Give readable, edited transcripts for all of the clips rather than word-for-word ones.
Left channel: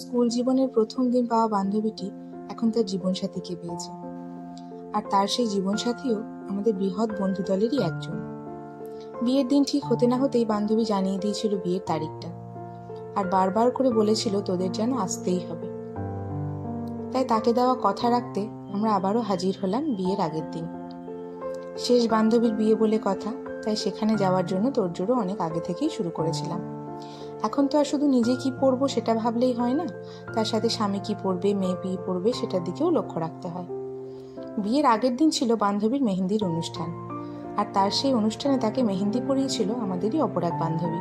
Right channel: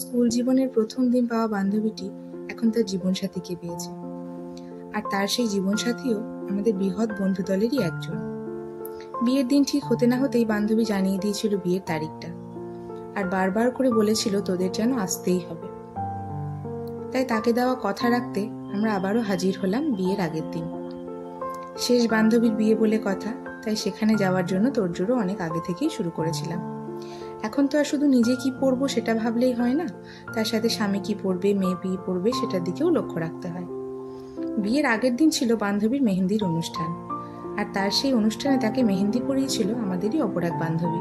School জীবনের প্রথম দিন পাওয়া বান্ধবীটি এখন তার জীবনসাথীকে পেয়েছে, আর তার সেই জীবনসাথীও আমাদের বৃহৎ বন্ধু দলেরই একজন। বিয়ের দিন ঠিক হতে না হতেই বান্ধবী জানিয়ে দিয়েছিল বিয়ের তারিখটা, আর বারবার করে বলেছিল তোদের যেন আসতেই হবে। তাই তাকে দেওয়া কথা রাখতে আমরা আবারও হাজির হলাম বিয়ের আগের দিন। শেষ বান্ধবীর বিয়ে বলে কথা, তাই সেখানে যাওয়ার জন্য তোড়জোড়ও অনেক আগে থেকেই শুরু করেছিলাম। এখন তো আর শুধু নিজে কি পরবো সেটা ভাবলেই হয় না, তার সাথে স্বামী কি পরবে, মেয়ে কি পরবে সেটার দিকেও লক্ষ্য রাখতে হয়। বিয়ের আগের দিন ছিল বান্ধবীর মেহেন্দির অনুষ্ঠান, আর তার সেই অনুষ্ঠানে তাকে মেহেন্দি পরিয়েছিল আমাদেরই অপর এক বান্ধবী।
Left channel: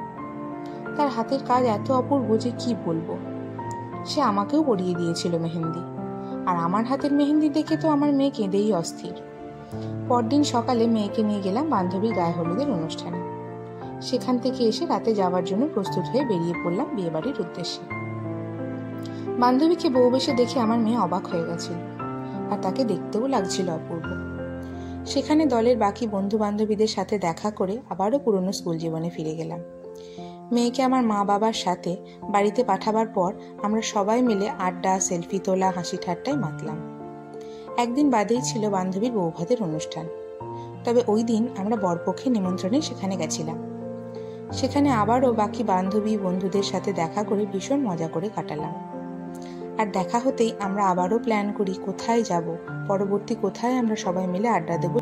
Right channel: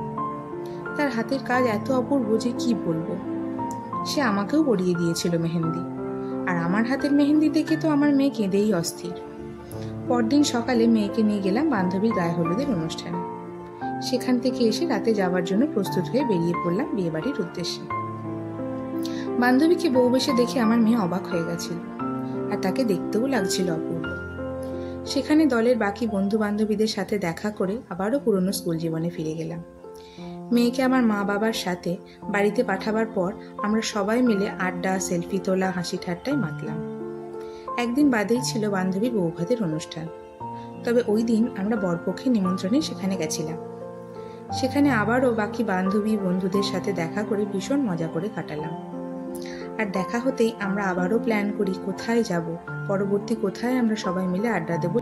তার হাতের কাজ এত অপূর্ব যে কি বলবো। সে আমাকেও পরিয়ে দিয়েছিল মেহেন্দি, আর আমার হাতের মেহেন্দি দেখে তো আমার মেয়ে কেঁদেই অস্থির। পরদিন সকালে মেয়েকে নিয়ে গেলাম বান্ধবীর গায়ে হলুদের অনুষ্ঠানে। সেখান থেকে এসে রাতে যাওয়ার জন্য প্রস্তুত হয়ে বেরিয়ে পড়লাম বিয়েবাড়ির উদ্দেশ্যে। বান্ধবীকে বউ বেশে দেখে আমার মেয়ে অবাক হয়ে গেছিল, আর তাকে দেখতেও লাগছিল অপূর্ব। সেখানে দলের বাকি বন্ধু বান্ধবীদের সাথে দেখা করে আবারও পুরনো স্কুল জীবনে ফিরে গেলাম। মেয়েকে আমার মা বাবার সাথে বাড়িতে পাঠাবার পর আমরা সবাই মিলে আড্ডা, সেলফি তোলা, হাসি ঠাট্টায় মাতলাম। একদিন বাদেই ছিল বান্ধবীর বৌভাতের অনুষ্ঠান, তবে ওই দিন আমরা বরপক্ষের নিমন্ত্রণে সেখানে গেছিলাম। সেখানে আবারও বাকি বান্ধবী বন্ধুদের সাথে দেখা করে ভীষণ মজা করে কাটালাম। আর দেখা হতেই আমরা আবারও প্ল্যান করি কোথায় যাব, পরবর্তী কোথায় আমরা সবাই মিলে আড্ডা দেব।